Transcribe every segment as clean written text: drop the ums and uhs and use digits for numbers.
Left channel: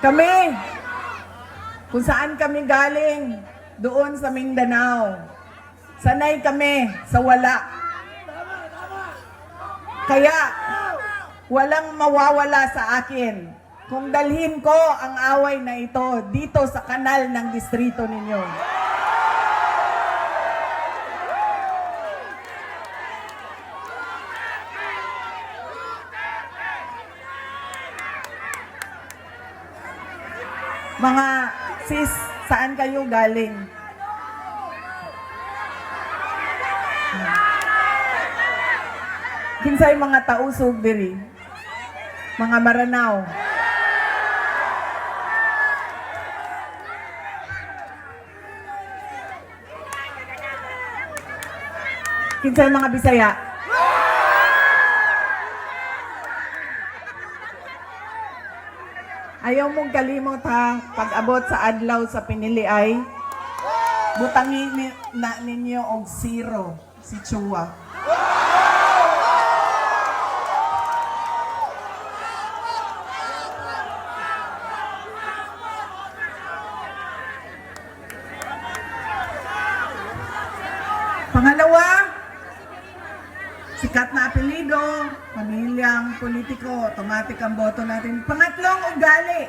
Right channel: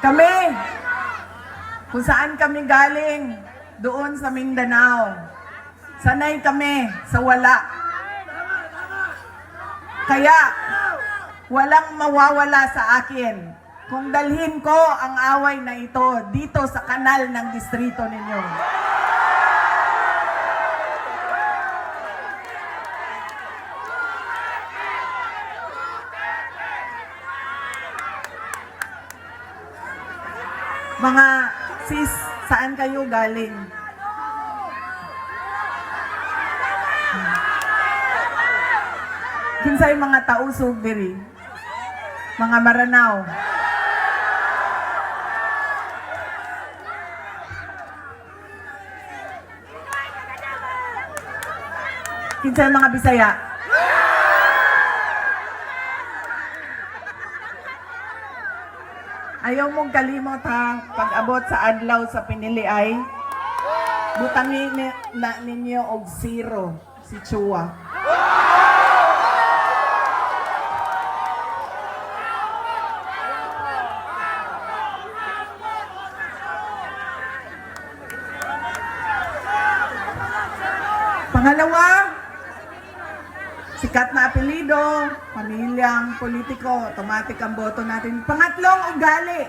Kami, kung saan kami galing, doon sa Mindanao, sanay kami sa wala. Kaya, walang mawawala sa akin kung dalhin ko ang away na ito dito sa kanal ng distrito ninyo. Mga sis, saan kayo galing? Kinsay mga tausog diri? Mga Maranao. Kinsay mga Bisaya? Ayaw mong kalimot ha, pag-abot sa adlaw sa pinili ay butangin na ninyo og zero si Chua. Pangalawa, sikat na apelido, pamilyang politiko, automatic ang boto natin. Pangatlong, ugali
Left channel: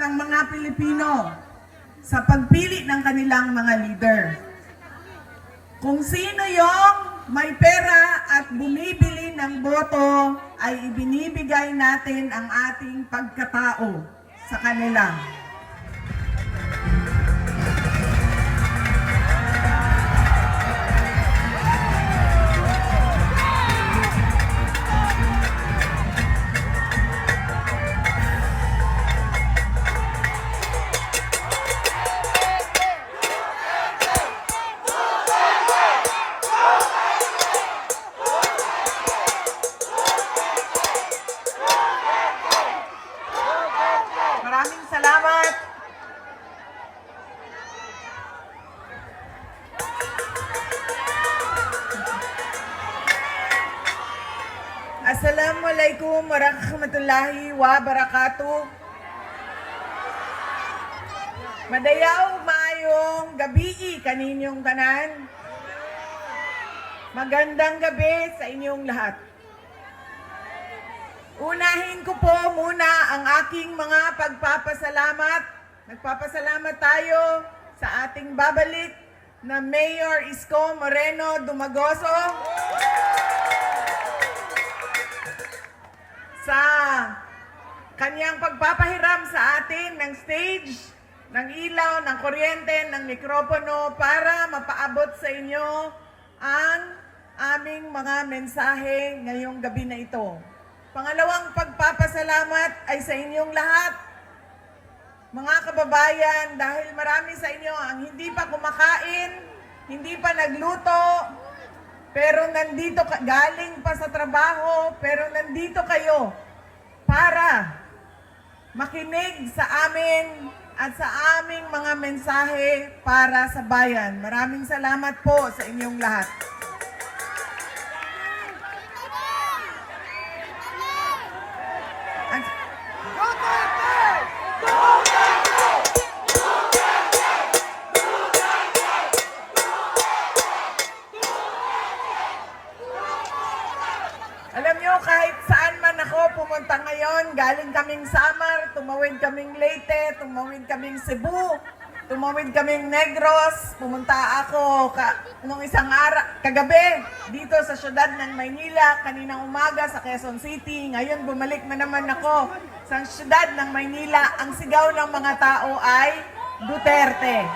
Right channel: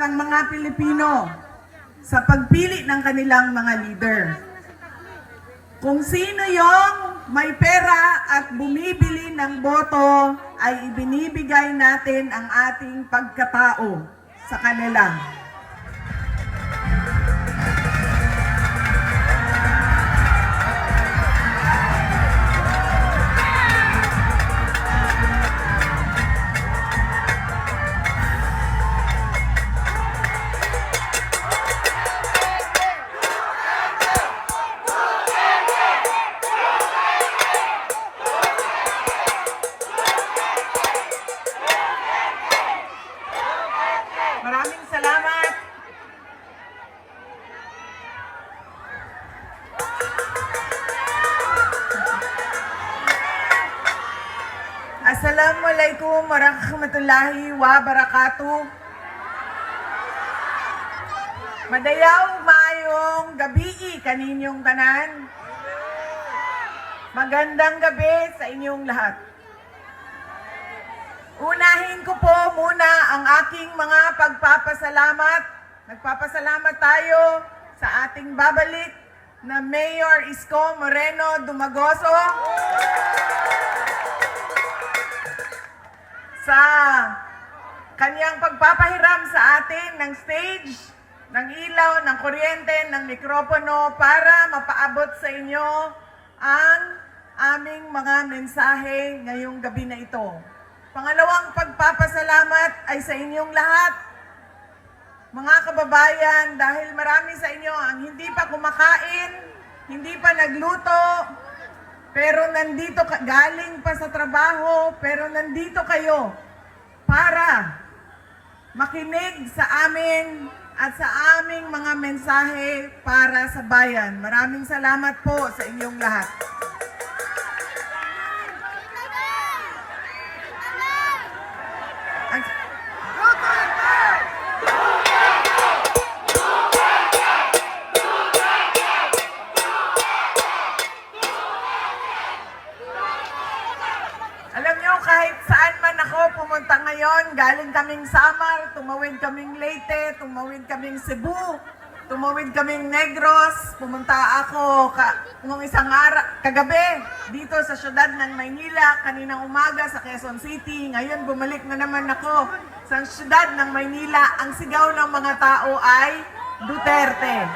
ng mga Pilipino sa pagpili ng kanilang mga leader. Kung sino yung may pera at bumibili ng boto, ay ibinibigay natin ang ating pagkatao sa kanila. Maraming salamat. Assalamualaikum warahmatullahi wabarakatuh. Madayaw mayong gabi kaninyong tanan. Magandang gabi sa inyong lahat. Unahin ko po muna ang aking mga pagpapasalamat. Nagpapasalamat tayo sa ating babalik na Mayor Isko Moreno Dumagoso sa kanyang pagpapahiram sa atin ng stage, ng ilaw, ng kuryente, ng mikropono para mapaabot sa inyo ang aming mga mensahe ngayong gabi na ito. Pangalawang pagpapasalamat ay sa inyong lahat, mga kababayan, dahil marami sa inyo ang hindi pa kumakain, hindi pa nagluto, pero nandito galing pa sa trabaho, pero nandito kayo para makinig sa amin at sa aming mga mensahe para sa bayan. Maraming salamat po sa inyong lahat. Alam nyo, kahit saan man ako pumunta ngayon, galing kaming Samar, tumawid kaming Leyte, tumawid kaming Cebu, tumawid kaming Negros, pumunta ako kung isang kagabi dito sa syudad ng Maynila, kaninang umaga sa Quezon City. Ngayon bumalik na naman ako sa syudad ng Maynila. Ang sigaw ng mga tao ay Duterte.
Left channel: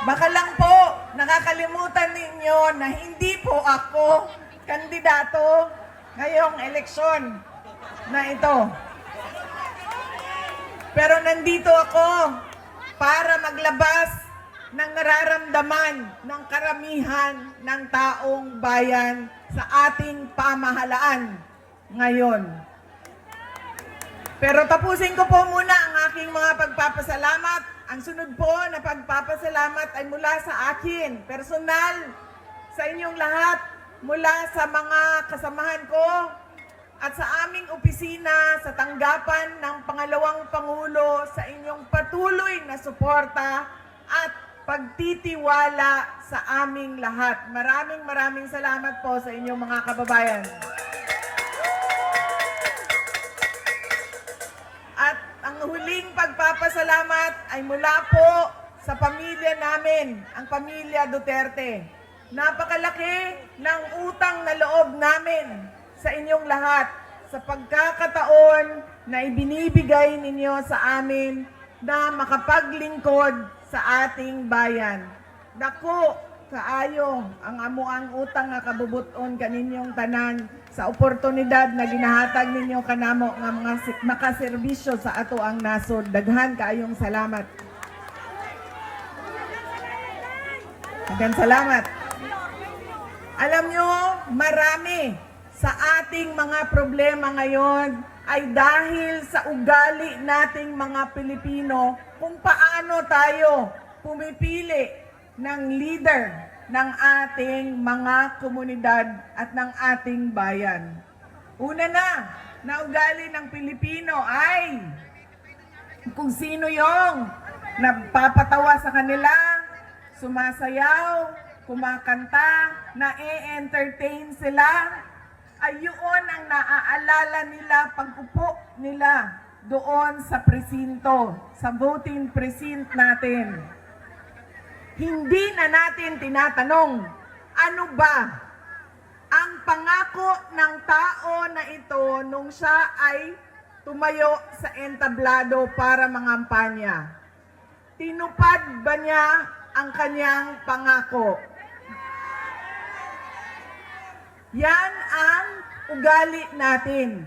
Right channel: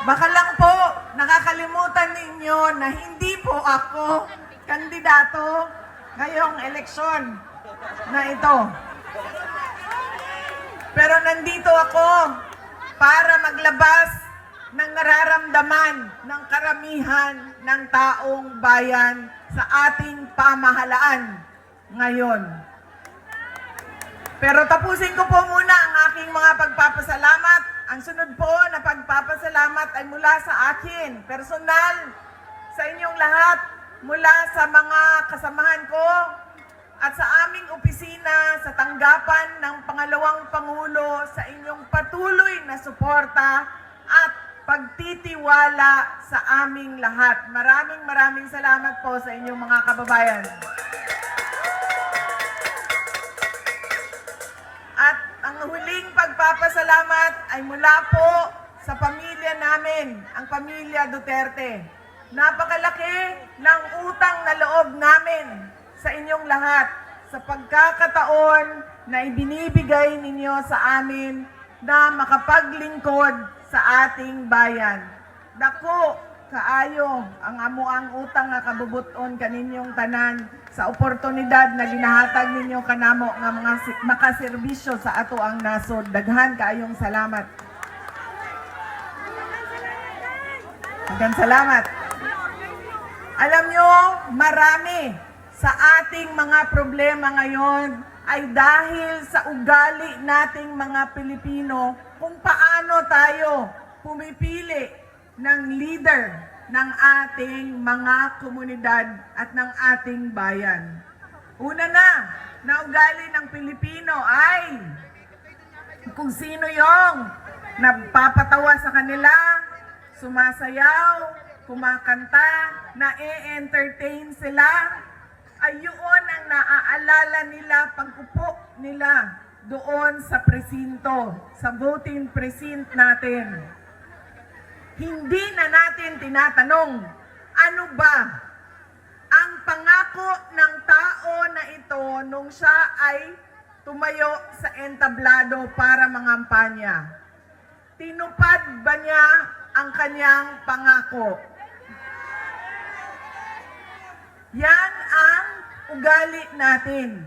Baka lang po, nakakalimutan ninyo na hindi po ako kandidato ngayong eleksyon na ito. Pero nandito ako para maglabas ng nararamdaman ng karamihan ng taong bayan sa ating pamahalaan ngayon. Pero tapusin ko po muna ang aking mga pagpapasalamat. Ang sunod po na pagpapasalamat ay mula sa akin, personal inyong lahat mula sa mga kasamahan ko at sa aming opisina sa tanggapan ng Pangalawang Pangulo sa inyong patuloy na suporta at pagtitiwala sa aming lahat. Maraming salamat po sa inyong mga kababayan. At ang huling pagpapasalamat ay mula po sa pamilya namin, ang pamilya Duterte. Napakalaki ng utang na loob namin sa inyong lahat sa pagkakataon na ibinibigay ninyo sa amin na makapaglingkod sa ating bayan. Dako kaayo ang amuang utang nga kabubuton kaninyong tanan sa oportunidad na ginahatag ninyo kanamo nga mga makaserbisyo sa ato ang nasod. Daghan kaayong salamat. Daghan salamat. Alam nyo, marami sa ating mga problema ngayon ay dahil sa ugali nating mga Pilipino kung paano tayo pumipili ng leader ng ating mga komunidad at ng ating bayan. Una na ugali ng Pilipino ay kung sino yung nagpapatawa sa kanila, sumasayaw, kumakanta, na-entertain sila, ay yun ang naaalala nila pag-upo nila doon sa presinto, sa voting precinct natin. Hindi na natin tinatanong, ano ba ang pangako ng tao na ito nung siya ay tumayo sa entablado para mangampanya? Tinupad ba niya ang kanyang pangako? Yan ang ugali natin.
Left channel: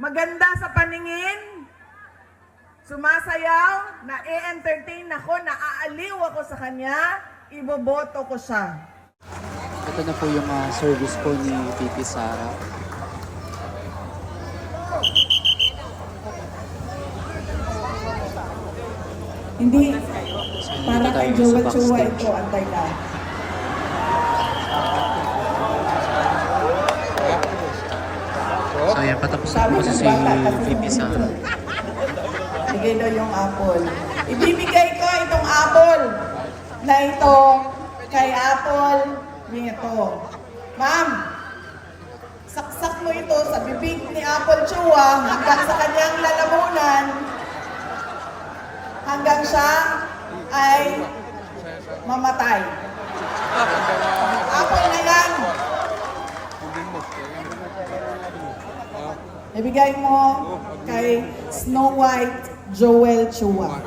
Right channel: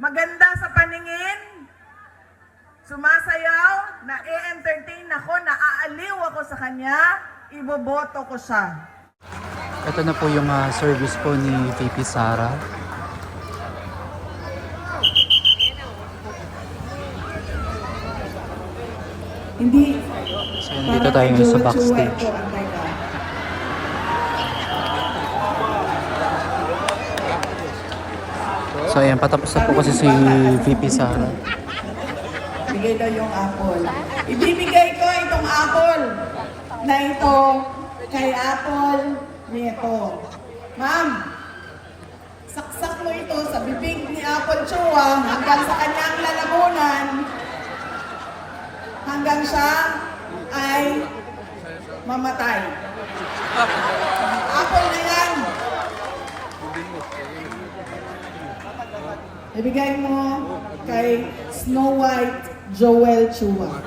Maganda sa paningin, sumasayaw, na-entertain ako, naaaliw ako sa kanya, iboboto ko siya. Ito na po yung service po ni VP Sara. Hindi. So, dito tayo sa backstage. So, ayan, patapos na po kasi si VP Sara. Bigay daw yung apple. Ibibigay ko itong apple na ito kay Apple nito. Ma'am, saksak mo ito sa bibig ni Apple Chua hanggang sa kanyang lalamunan hanggang siya ay mamatay. Apple na yan. Ibigay mo kay Snow White Joel Chua.